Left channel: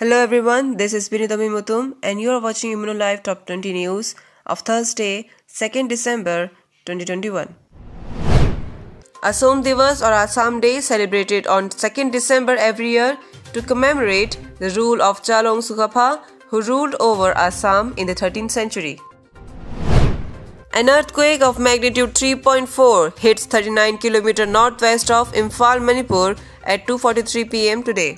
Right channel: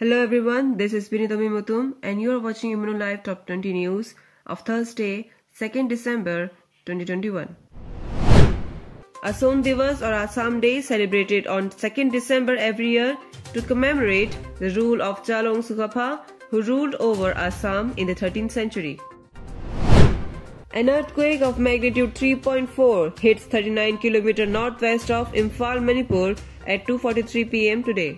Hello everyone, this is Binitami Mutum and you are watching ImmunoLive Top 20 News of Thursday, 2nd December 2021. Asam Divas or Assam Day celebrated on 2nd December every year to commemorate the rule of Chalong Sukapha who ruled over Assam in the 13th century. An earthquake of magnitude 3.4 hits 39 km northwest of Imphal, Manipur at 2:43 p.m. today.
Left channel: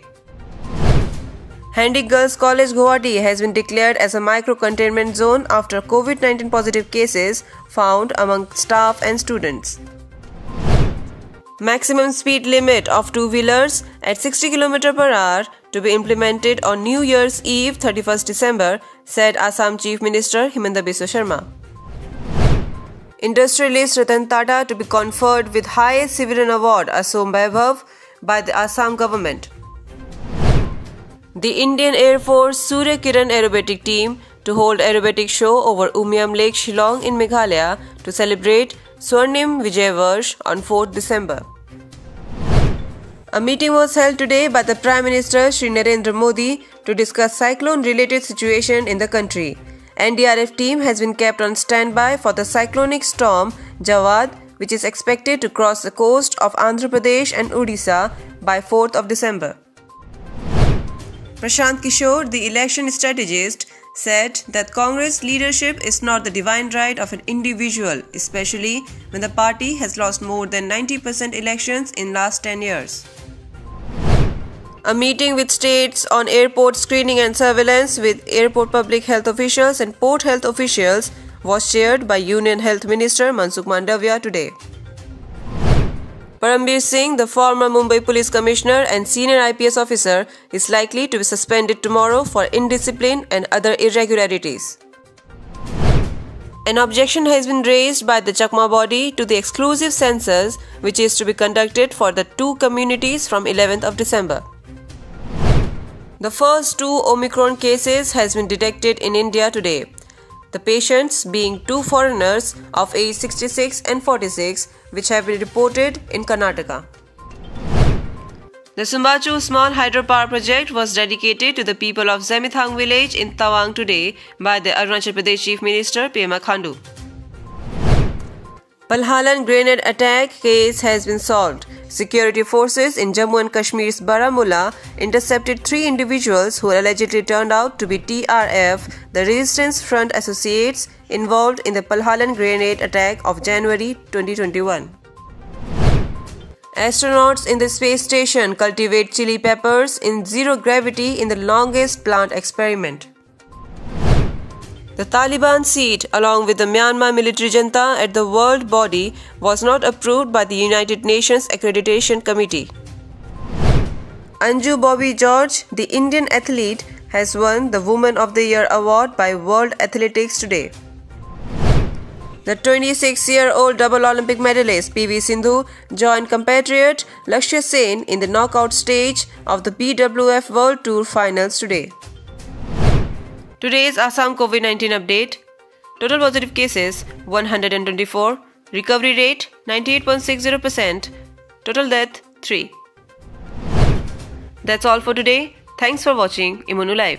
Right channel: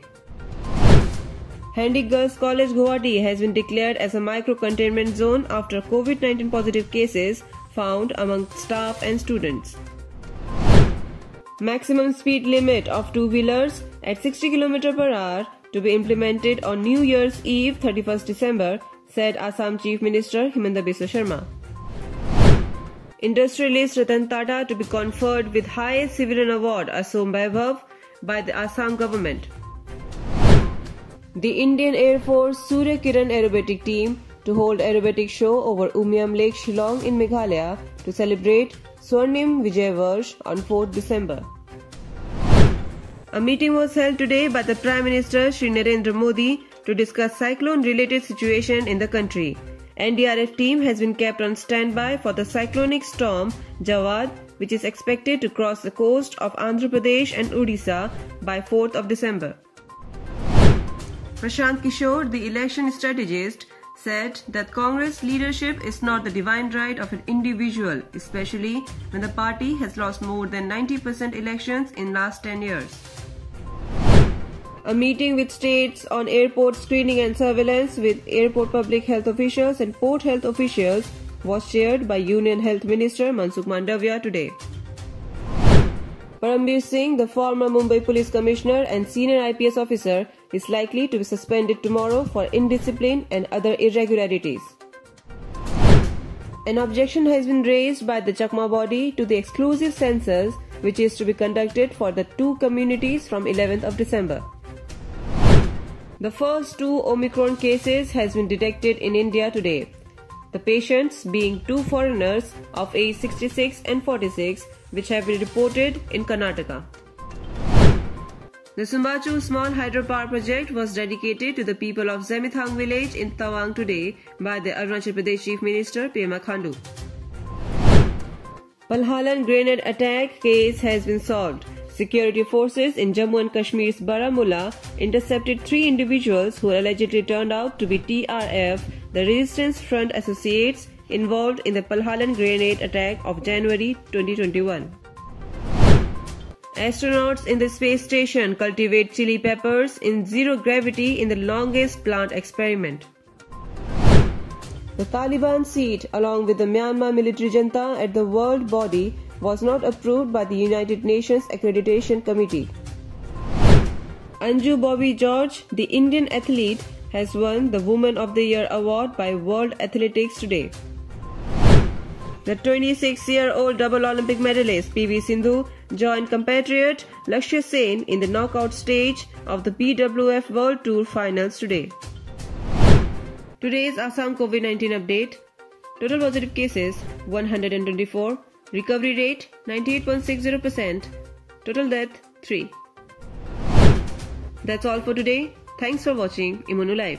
Handy Girls College Guwahati has been declared as a micro-containment zone after COVID-19 positive cases found among staff and students. Maximum speed limit of two-wheelers at 60 km per hour to be implemented on New Year's Eve 31st December, said Assam Chief Minister Himanta Biswa Sharma. Industrialist Ratan Tata to be conferred with highest civilian award Asam Vaibhav by the Assam government. The Indian Air Force Surya Kiran aerobatic team to hold aerobatic show over Umiam Lake, Shillong in Meghalaya to celebrate Swarnim Vijay Varsh on 4th December. A meeting was held today by the Prime Minister Shri Narendra Modi to discuss cyclone-related situation in the country. NDRF team has been kept on standby for the cyclonic storm Jawad, which is expected to cross the coast of Andhra Pradesh and Odisha by 4th of December. Prashant Kishore, the election strategist, said that Congress leadership is not the divine right of an individual, especially when the party has lost more than 90% elections in last 10 years. A meeting with states on airport screening and surveillance with airport public health officials and port health officials was chaired by Union Health Minister Mansukh Mandavia today. Parambir Singh, the former Mumbai Police Commissioner and senior IPS officer, is likely to be suspended tomorrow for indiscipline and other irregularities. An objection has been raised by the Chakma body to the exclusive census which is to be conducted for the two communities from 11th of December. The first two Omicron cases has been detected in India today. The patients being two foreigners of age 66 and 46 which have been reported in Karnataka. The Sumbachu Small Hydropower Project was dedicated to the people of Zemithang village in Tawang today by the Arunachal Pradesh Chief Minister Pema Khandu. Palhalan grenade attack case has been solved. Security forces in Jammu and Kashmir's Baramulla intercepted 3 individuals who allegedly turned out to be TRF, the Resistance Front associates involved in the Palhalan grenade attack of January 2021. Astronauts in the space station cultivate chili peppers in zero gravity in the longest plant experiment. The Taliban seat, along with the Myanmar military junta at the World Body, was not approved by the United Nations Accreditation Committee. Anju Bobby George, the Indian athlete, has won the Woman of the Year award by World Athletics today. The 26-year-old double Olympic medalist PV Sindhu joined compatriot Lakshya Sen in the knockout stage of the BWF World Tour Finals today. Today's Assam COVID-19 update. Total positive cases 124. Recovery rate 98.60%. Total death 3. That's all for today. Thanks for watching ImmunoLive.